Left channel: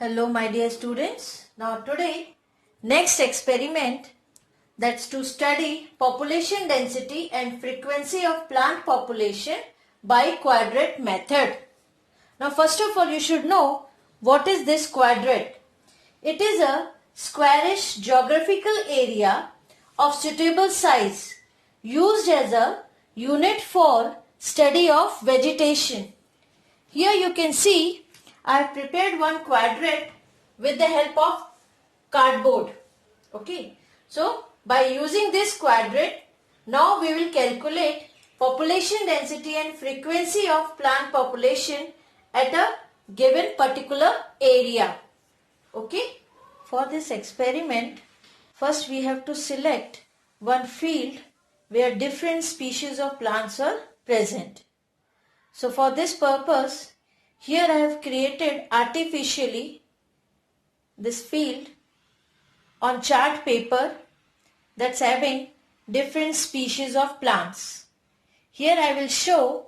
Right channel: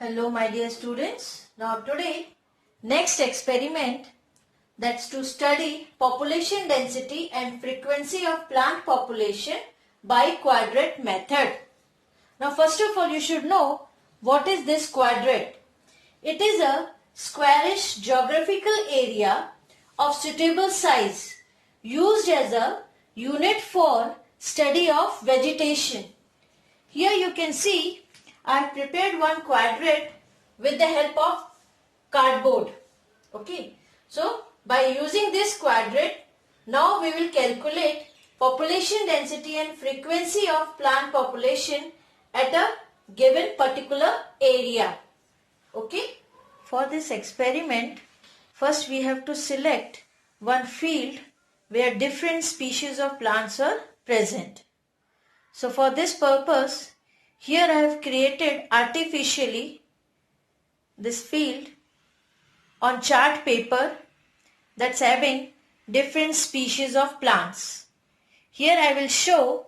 Hello my dear students. Now today next experiment, that's to study population density and frequency of plant population by quadrate method. Now first of all you should know what is this quadrate. It is a squarish geographical area of suitable size used as a unit for study of vegetation. Here you can see I have prepared one quadrate with the help of cardboard. Okay. So by using this quadrate, now we will calculate population density and frequency of plant population at a given particular area. Okay. For this experiment, first we have to select one field where different species of plants are present. So for this purpose, here I have created artificially this field on chart paper that's having different species of plants. Here I will show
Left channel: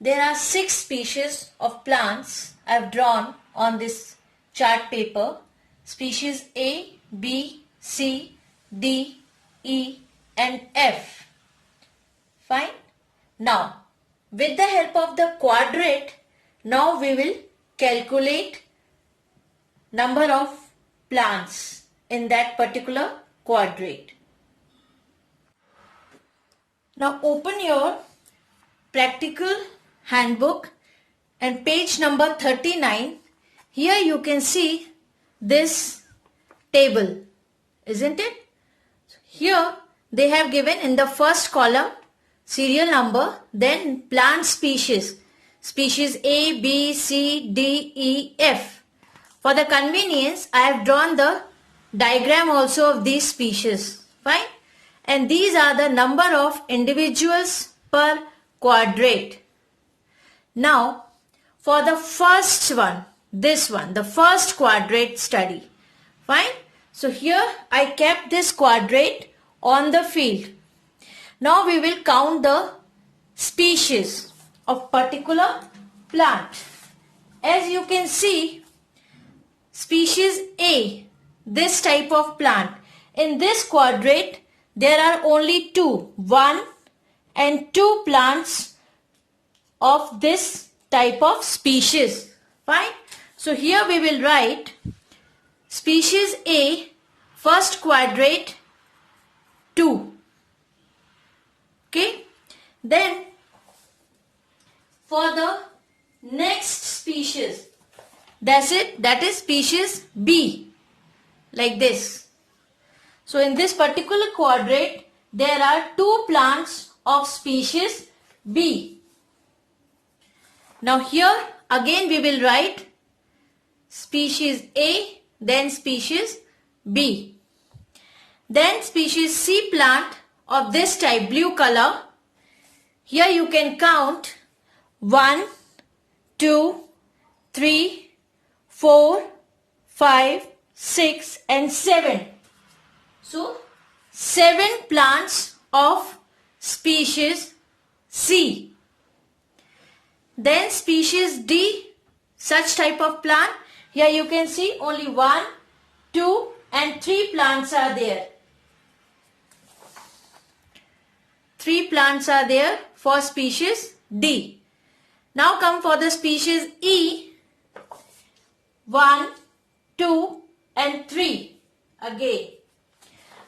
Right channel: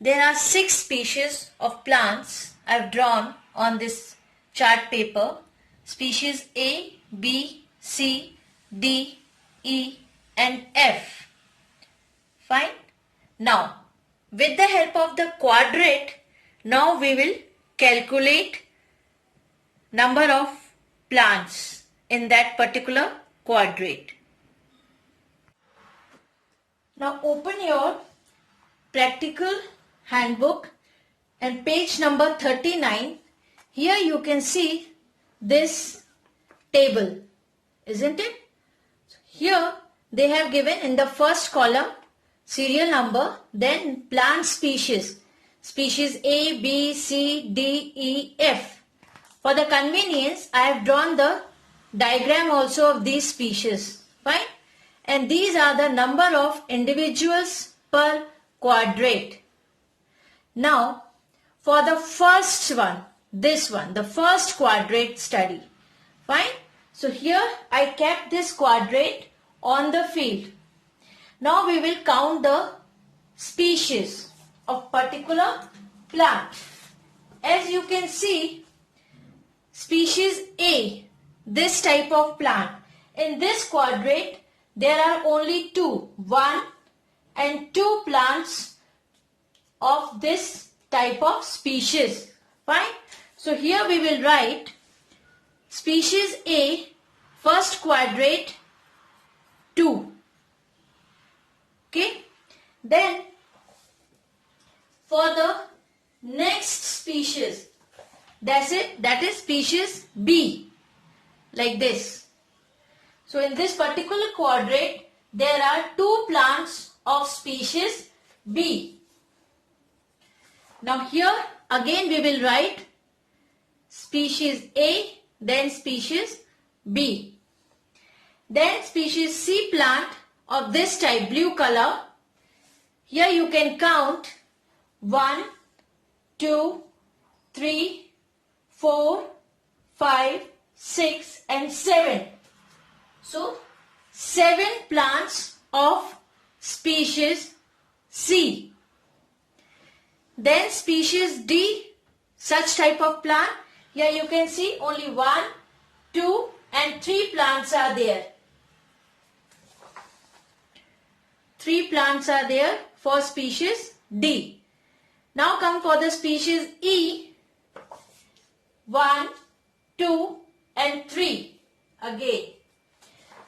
there are 6 species of plants I have drawn on this chart paper. Species A, B, C, D, E and F. Fine. Now with the help of the quadrate, now we will calculate number of plants in that particular quadrate. Now open your practical handbook and page number 39. Here you can see this table, isn't it? Here they have given in the first column serial number, then plant species. Species A, B, C, D, E, F. For the convenience, I have drawn the diagram also of these species. Fine. And these are the number of individuals per quadrate. Now, for the first one, this one, the first quadrate study. Fine. So here I kept this quadrate on the field. Now we will count the species of particular plant. As you can see, species A, this type of plant, in this quadrate there are only 1 and 2 plants of this type of species. Fine. So here we will write species A, first quadrate 2. Okay. Then for the next species, that is species B, like this. So in this particular quadrate, there are 2 plants of species B. Now here again we will write species A, then species B. Then species C plant of this type, blue color. Here you can count 1, 2, 3, 4, 5, 6 and 7. So 7 plants of species C. Then species D, such type of plant. Here you can see only 1, 2 and 3 plants are there. 3 plants are there for species D. Now come for the species E. 1, 2 and 3 again.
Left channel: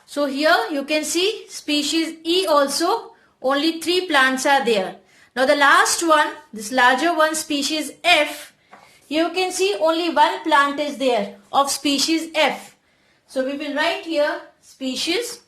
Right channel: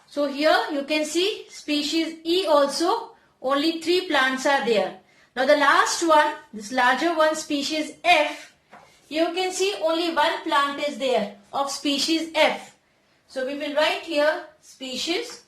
So here you can see species E also only 3 plants are there. Now the last one, this larger one, species F, you can see only 1 plant is there of species F. So we will write here species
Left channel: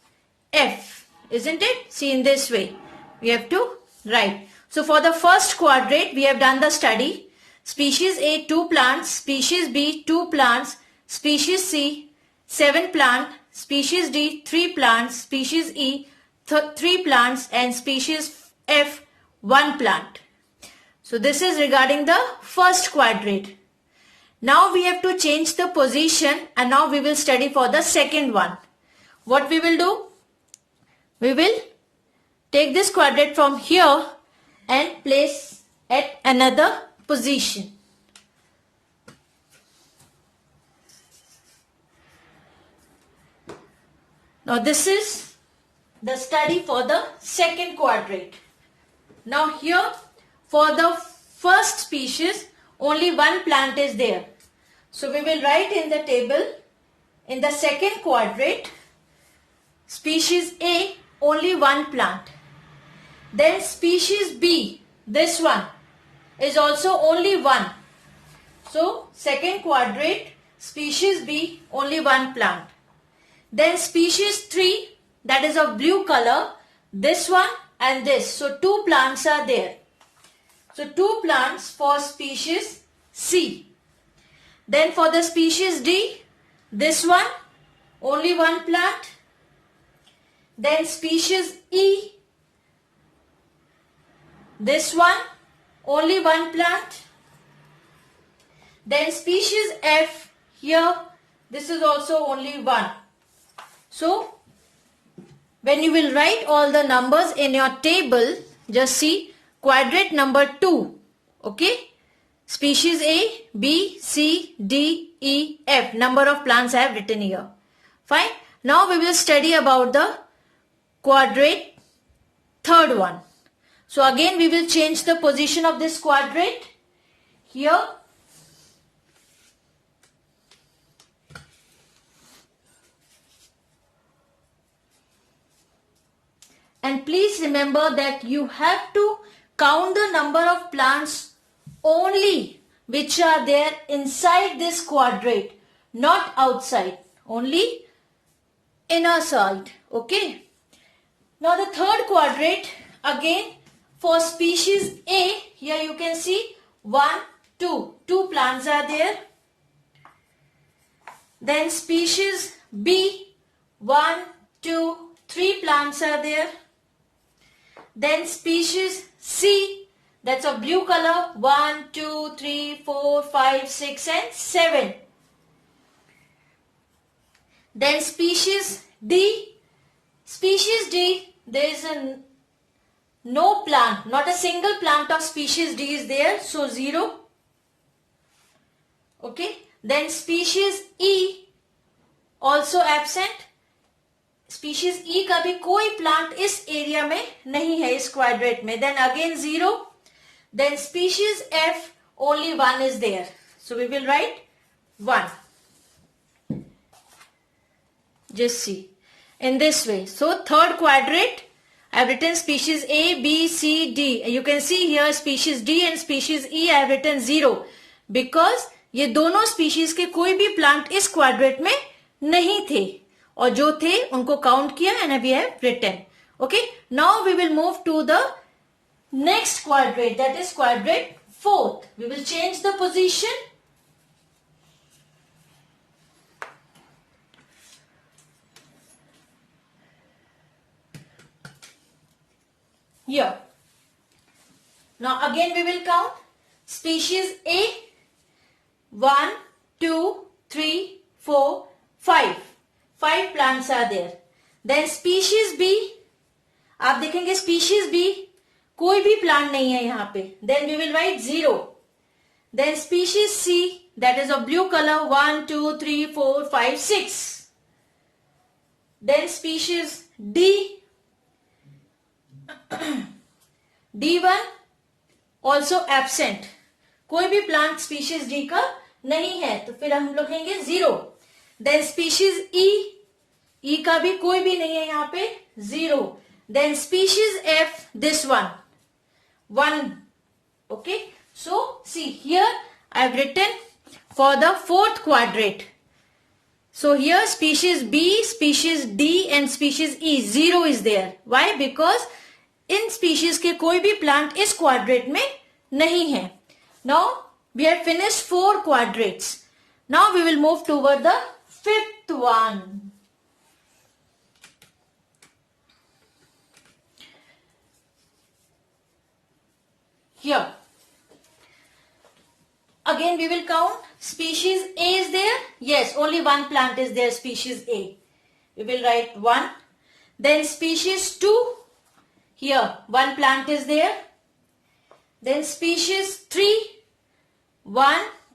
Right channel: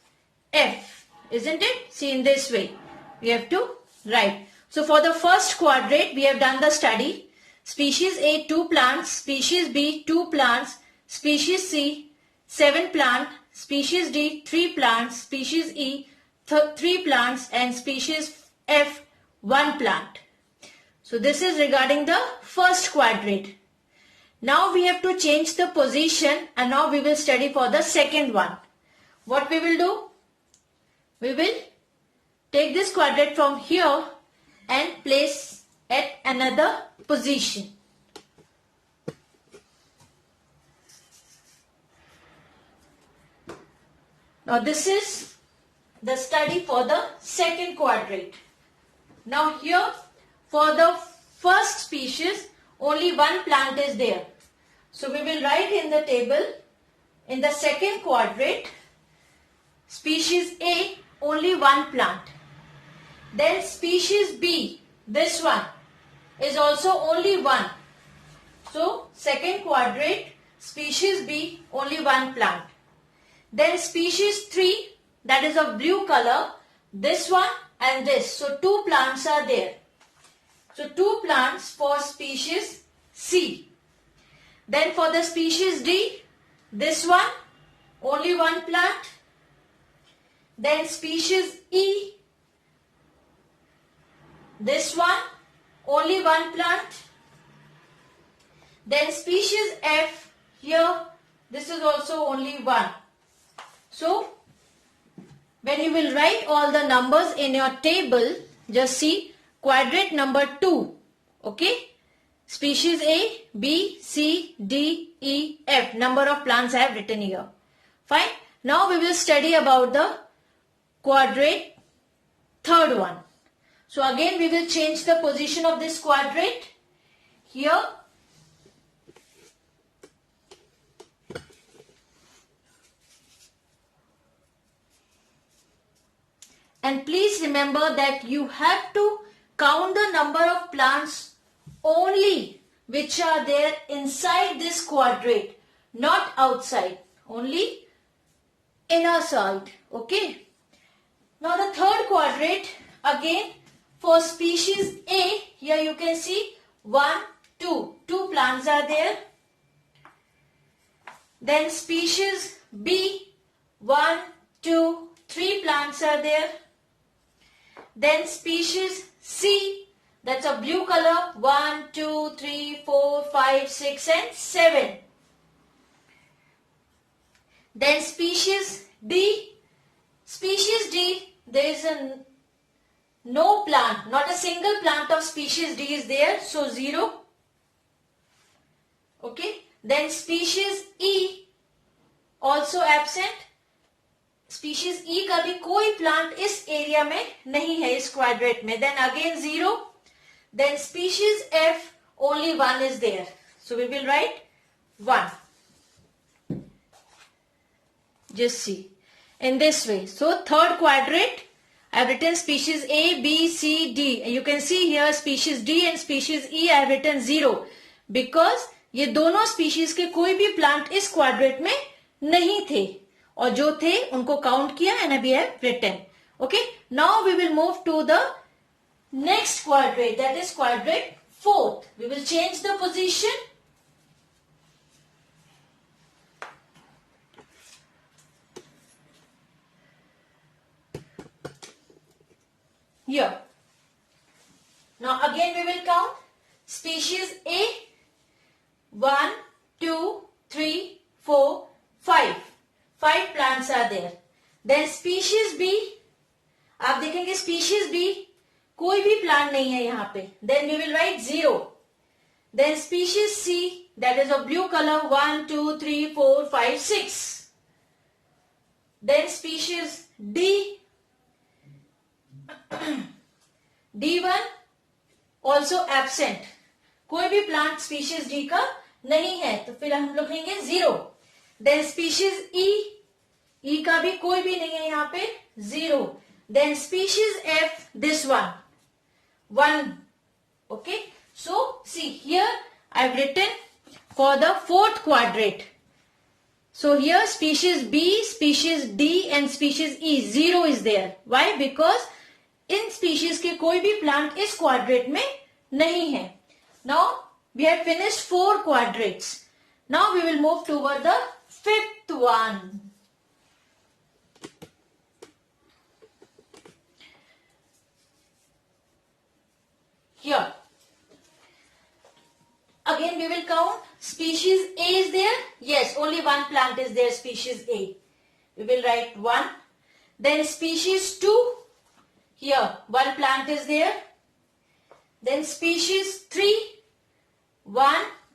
F, isn't it? See, in this way we have to write. So for the first quadrate we have done the study. Species A 2 plants, species B 2 plants, species C 7 plants, species D 3 plants, species E 3 plants and species F 1 plant. So this is regarding the first quadrate. Now we have to change the position and now we will study for the second one. What we will do? We will take this quadrate from here and place at another position. Now this is the study for the second quadrate. Now here for the first species only one plant is there. So we will write in the table in the second quadrate species A only one plant. Then species B, this one is also only one. So second quadrate species B only one plant. Then species 3, that is of blue color, this one and this. So 2 plants are there. So 2 plants for species C. Then for the species D, this one, only one plant. Then species E, this one, only one plant. Then species F, here, this is also only one. So, when you will write all the numbers in your table, just see quadrate number 2, okay? Species A, B, C, D, E, F. Number of plants I have written here. Fine. Now we will study about the quadrate third one. So again we will change the position of this quadrate. Here. And please remember that you have to count the number of plants only which are there inside this quadrate, not outside, only inner side. Okay. Now the third quadrate, again for species A, here you can see 1, 2. 2 plants are there. Then species B, 1, 2, 3 plants are there. Then species C, that's of blue color, 1, 2, 3, 4, 5, 6 and 7. Then species D, there is no plant, not a single plant of species D is there, so 0. Okay. Then species E, also absent. Species E का भी कोई plant इस area में नहीं है इस quadrate में. Then again 0. Then species F, only one is there. So we will write 1. Just see in this way. So third quadrate, I have written species A, B, C, D. You can see here species D and species E I have written 0 because ये दोनों species के कोई भी plant इस quadrate में नहीं थे और जो थे उनको count किया and we have written. Okay. Now we will move to the next quadrate, that is quadrate 4th. We will change the position. Here. Now again we will count. Species A, 1, 2, 3, 4, 5. 5 plants are there. Then species B, आप देखेंगे species B, कोई भी plant नहीं है यहाँ पे. Then we will write 0. Then species C, that is of blue color, 1, 2, 3, 4, 5, 6. Then species D, D1 also absent. कोई भी plant species D का नहीं है तो फिर हम लिखेंगे 0. Then species E, E का भी कोई भी नहीं है यहाँ पे 0. Then species F, this one 1. Okay. So see here I have written for the 4th quadrate. So here species B, species D and species E 0 is there. Why? Because in species के कोई भी plant इस quadrate में नहीं है. Now we have finished 4 quadrates. Now we will move toward the 5th one. Here. Again we will count. Species A is there. Yes, only one plant is there, species A. We will write 1. Then species 2. Here, one plant is there. Then species 3. 1,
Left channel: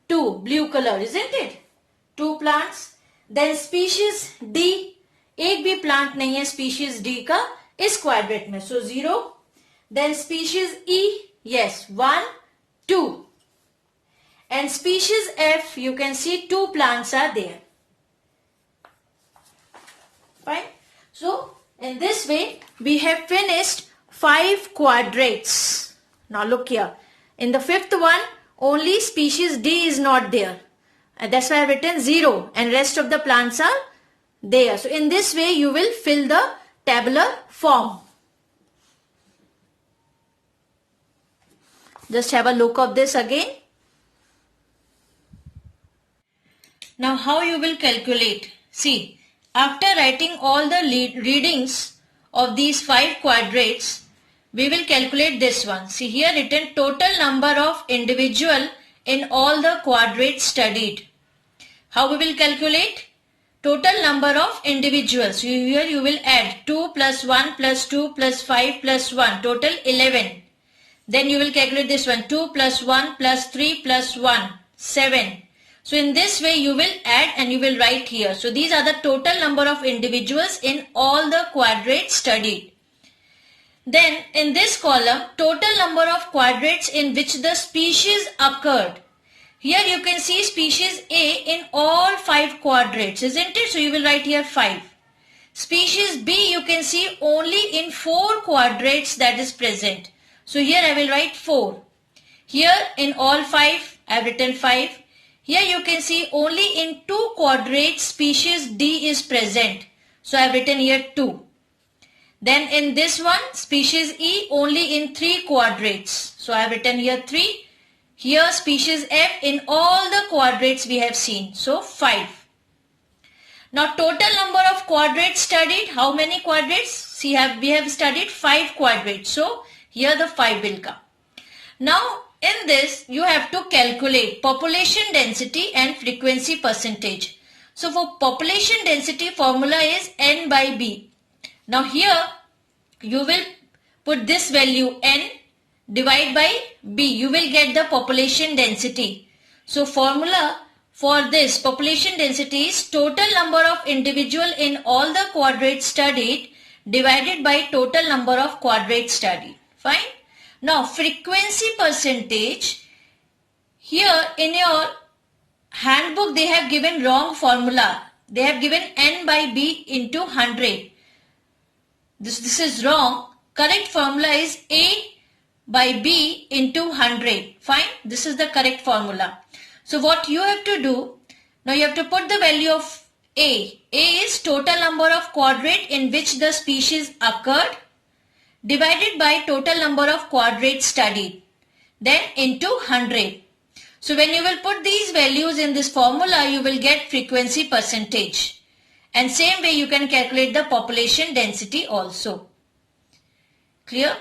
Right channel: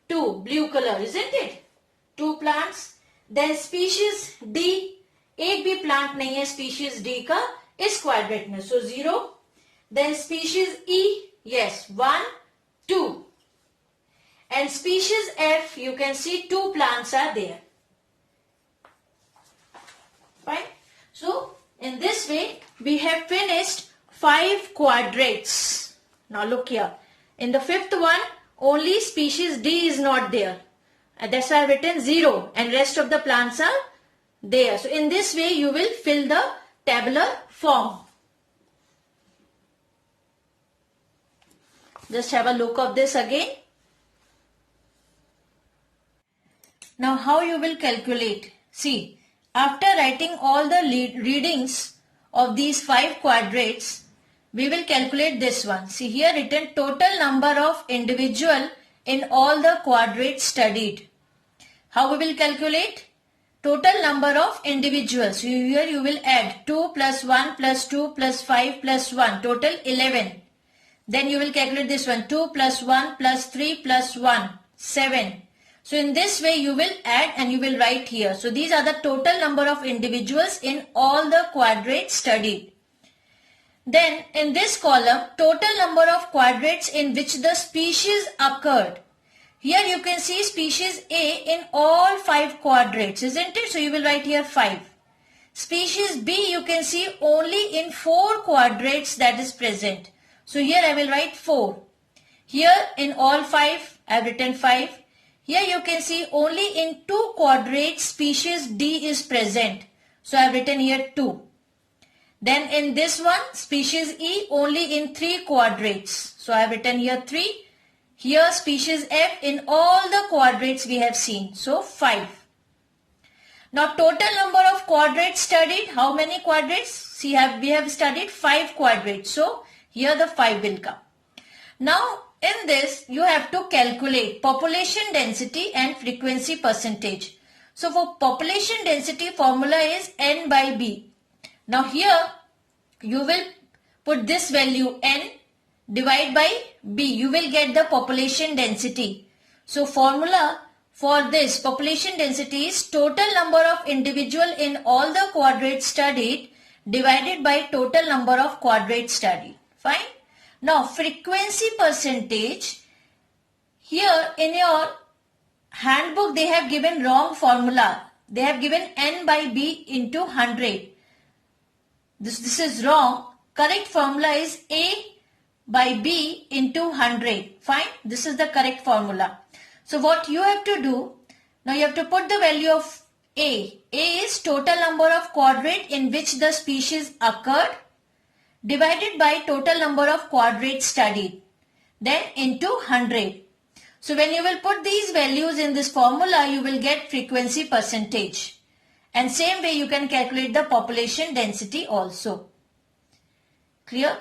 2, blue color, isn't it? 2 plants. Then species D. एक भी plant नहीं है species D का इस quadrat में, so 0. Then species E, yes 1, 2. And species F, you can see 2 plants are there. Fine. So, in this way, we have finished 5 quadrates. Now look here. In the 5th one, only species D is not there. And that's why I have written 0 and rest of the plants are there. So, in this way, you will fill the tabular form. Just have a look of this again. Now how you will calculate? See, after writing all the readings of these 5 quadrates, we will calculate this one. See here written total number of individual in all the quadrates studied. How we will calculate? Total number of individuals. Here you will add 2 plus 1 plus 2 plus 5 plus 1, total 11. Then you will calculate this one, 2 plus 1 plus 3 plus 1, 7. So in this way you will add and you will write here. So these are the total number of individuals in all the quadrates studied. Then in this column, total number of quadrates in which the species occurred. Here you can see species A in all 5 quadrates, isn't it? So you will write here 5. Species B you can see only in 4 quadrates that is present. So here I will write 4. Here in all 5 I have written 5. Here you can see only in 2 quadrates species D is present. So I have written here 2. Then in this one species E only in 3 quadrates. So I have written here 3. Here species F in all the quadrates we have seen. So 5. Now total number of quadrates studied. How many quadrates? See we have studied 5 quadrates. So here the 5 will come. Now in this, you have to calculate population density and frequency percentage. So for population density, formula is N by B. Now here, you will put this value N divide by B. You will get the population density. So formula for this population density is total number of individual in all the quadrates studied divided by total number of quadrates studied. Fine. Now frequency percentage, here in your handbook they have given wrong formula. They have given N by B into 100. This is wrong. Correct formula is A by B into 100. Fine. This is the correct formula. So what you have to do, now you have to put the value of A. A is total number of quadrate in which the species occurred, divided by total number of quadrates studied, then into 100. So when you will put these values in this formula, you will get frequency percentage. And same way you can calculate the population density also. Clear?